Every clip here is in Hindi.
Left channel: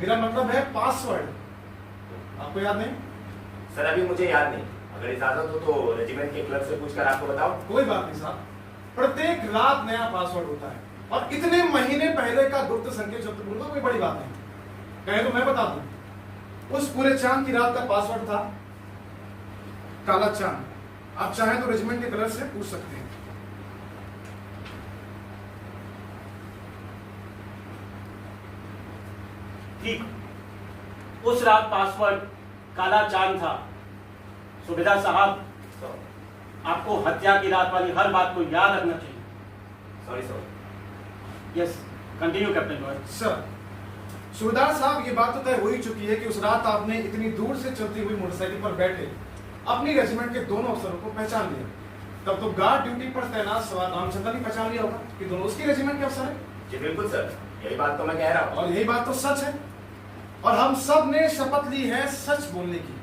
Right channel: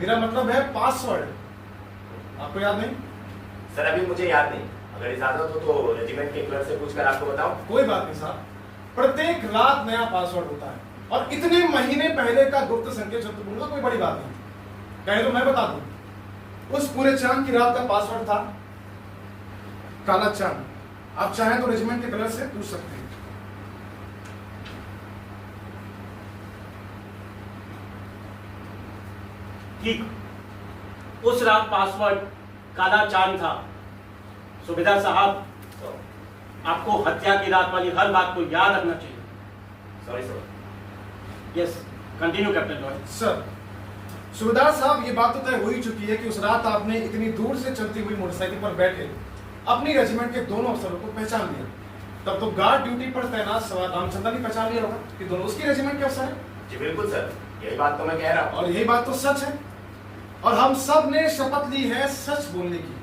मेरा मतलब है पासवर्ड। आपको याद नहीं? सर अभी मुझे याद नहीं, अगर इजाजत हो तो रेजिमेंट के क्लर्क से पूछकर आपको बताओ। कोई बात नहीं साहब, प्रत्येक रात नया पासवर्ड होता है और इतने महीने पहले का गुप्त संकेत शब्द बोलना कोई बड़ी बात नहीं। कहे तो मैं बता दूं, उस पूरे चांद की रात का पासवर्ड था काला चांद। आप चाहें तो रेजिमेंट के क्लर्क से पूछ सकते हैं। ठीक, उस रात पासवर्ड काला चांद था। सूबेदार साहब, आपको हत्या की रात वाली हर बात को याद रखना चाहिए। Sorry sir. Yes, continue captain Roy. Sir, सूबेदार साहब, ये बात तो तय हो ही चुकी है कि उस रात आपने इतनी दूर से चलती हुई मोटरसाइकिल पर बैठे अपनी रेजिमेंट के दोनों अफसरों को पहचान लिया। तब तो गार्ड ड्यूटी पर तैनात सवार रामचंद्र ने पहचान लिया होगा कि दोनों उसकी रेजिमेंट के अफसर हैं। जी बिल्कुल सर, यही बात तो मैं कह रहा हूँ। और यही बात तो सच है, और हम सब ने शपथ ली है सच बोलने की।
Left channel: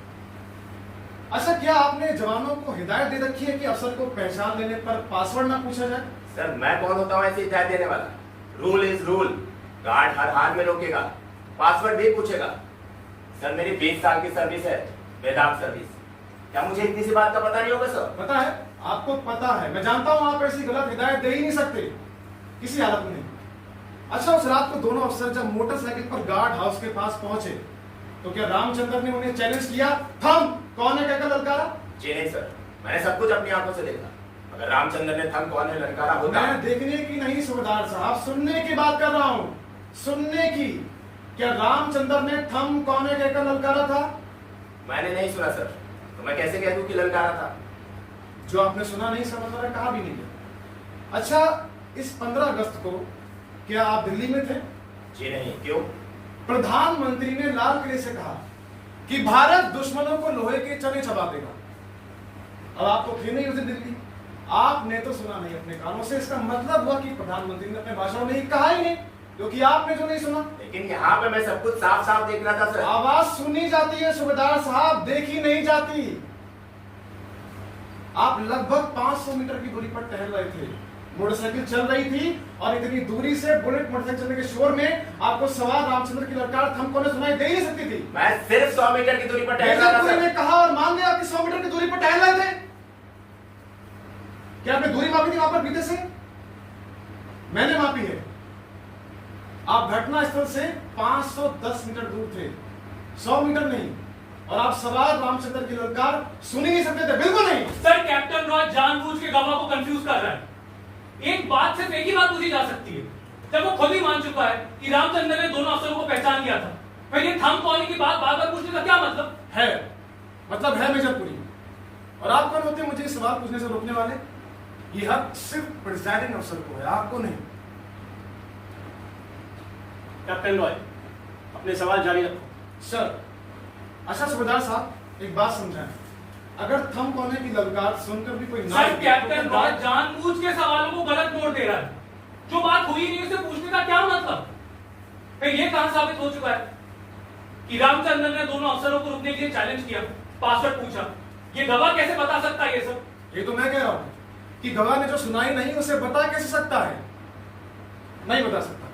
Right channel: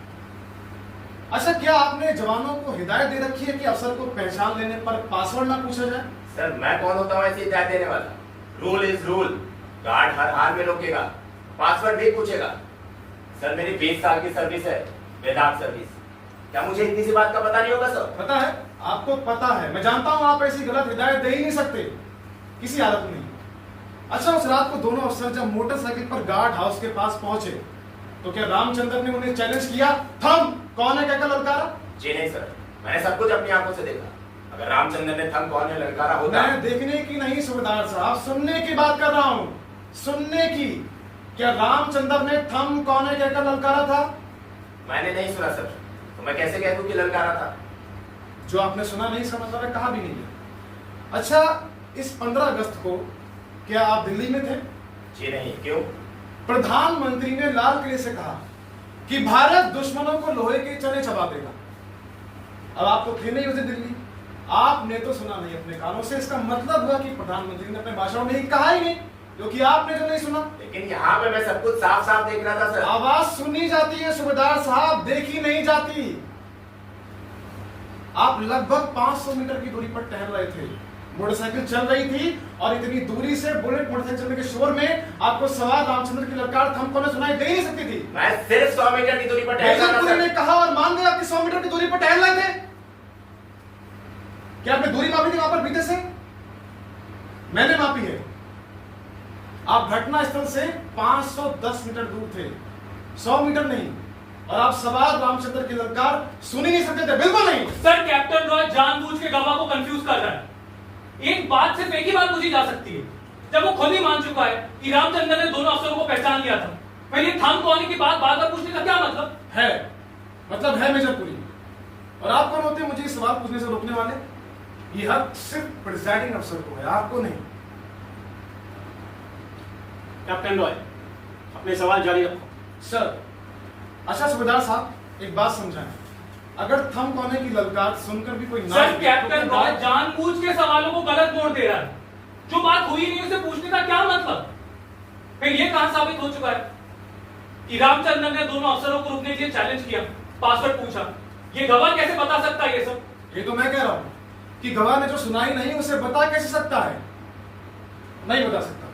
अच्छा, क्या आपने जवानों को हिदायत दे रखी है कि अफसर को पहचान लेने पर पासवर्ड ना पूछा जाए? सर मैं कौन होता हूँ ऐसी हिदायत देने वाला? Rule is rule. गार्ड हर हाल में रोकेगा, पासवर्ड भी पूछेगा। सर मेरी 20 साल की सर्विस है, बेदाग सर्विस। क्या मुझे इतनी सी बात का पता नहीं होगा सर? पता है, आपको पता है। मैं जानता हूं आप ऐसी गलत हिदायत दे ही नहीं सकते किसी हालत में। अच्छा, उस रात को दोनों अफसर जब मोटरसाइकिल पर गार्ड हाउस के पास पहुंचे तो क्या रामचंद्र ने उन्हें चैलेंज किया, थम कौन है कहकर ललकारा? जी नहीं सर, मैंने सब कुछ अपनी आंखों से देखा। अगर रामचंद्र ने थम कौन है ललकारा होता। मैं देखने की नहीं सूबेदार साहब, सुनने की बात कर रहा हूं, सुनने की। क्या रामचंद्र ने थम कौन है कहकर ललकारा था? मैंने नहीं सुना सर, तो मैं कैसे कह दूं कि ललकारा था? जो आपने सुना नहीं समझ रहा, कहा भी नहीं गया। अच्छा, इस 15 अगस्त को क्या आप दिल्ली में थे? जी नहीं, क्यों? प्रधानमंत्री ने लाल किले से कहा कि भारत दुश्मनों को लोहे के चने चबा देगा। अब आप तो थे नहीं उसे दिल्ली, आपने तो सुना नहीं अपने कानों से। इसका मतलब हुआ कि प्रधानमंत्री ने अपने भाषण में ही कहा ही नहीं, क्योंकि आपने जो नहीं सुना। लेकिन यहाँ पे मैं सब कुछ साफ साफ देख रहा था सर। आवाज सुनी जाती है सूबेदार साहब, देखी नहीं जाती। आप लगभग 500 मीटर की दूरी पर टहल रहे थे, मोटरसाइकिल चल रही थी और इतनी दूरी से बुलेट मोटरसाइकिल चलने के शोर में आपको सवार रामचंद्र की ललकार थमको न सुनाई दे ही नहीं सकती थी। मैं सिर्फ 100 मीटर की दूरी पर टहल रहा था पुलिस ने सर। कहा और मान लिया कि 100 मीटर की दूरी पर टहल रहे थे। क्या आपने दूरी मापी थी वहां पर बीते से? मैंने मापी है। आप घटना स्थल से 510 मीटर दूर थे, 100 मीटर नहीं। और आप सवार रामचंद्र की ललकार सुन ही नहीं सकते थे, बिल्कुल नहीं। सर कैप्टन रॉय जानबूझ के गवाह को कंफ्यूज कर रहा है। एक बात सिर्फ एक ही बात पूछी जा सकती है, जब वो खुद ही मान चुका है कि रामचंद्र ने दोनों अफसरों को पहचान लिया था, फिर ये थम कौन की बात बार बार पूछने का क्या मतलब है? मतलब है मेजर पुरी। और आप कौन होते हैं मुझे सवाल पूछने से रोकने वाले? ये हक सिर्फ प्रिजाइडिंग अफसर को है, आपको नहीं। कैप्टन रॉय, अपने सवाल जारी रखो। सर, अच्छा सूबेदार साहब, एक बात समझाएं। अगर थम कोने की ललकार सुनकर भी कोई ना सर कैप्टन रॉय जानबूझ के सवालों को गलत मोड़ दे रहा है। जो बात हुई नहीं उसे पूछने का क्या मतलब? फिर ये कहां साबित हो चुका है कि रामचंद्र ने दोनों अफसरों को रुकने के लिए चैलेंज किया, पासवर्ड पूछा? ये गवाह कैसे बता सकता है ये सब? ये तो मैं कह रहा हूं कि गवाह ने जो सुनाई नहीं उसे बता कैसे सकता है? नहीं बता सकता।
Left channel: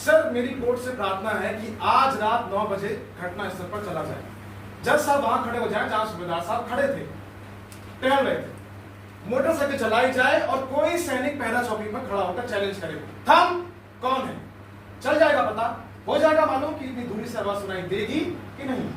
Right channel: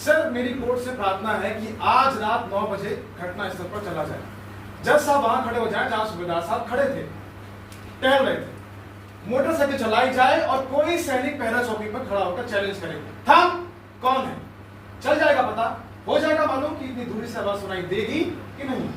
सर, मेरी कोर्ट से प्रार्थना है कि आज रात 9 बजे घटना स्थल पर चला जाए। जज साहब वहां खड़े हो जाए जहां सूबेदार साहब खड़े थे, टहल रहे थे। मोटरसाइकिल चलाई जाए और कोई सैनिक पहरा चौकी पर खड़ा होकर चैलेंज करे, थम कौन है? चल जाएगा पता, हो जाएगा मालूम कि इतनी दूरी से आवाज सुनाई देगी कि नहीं।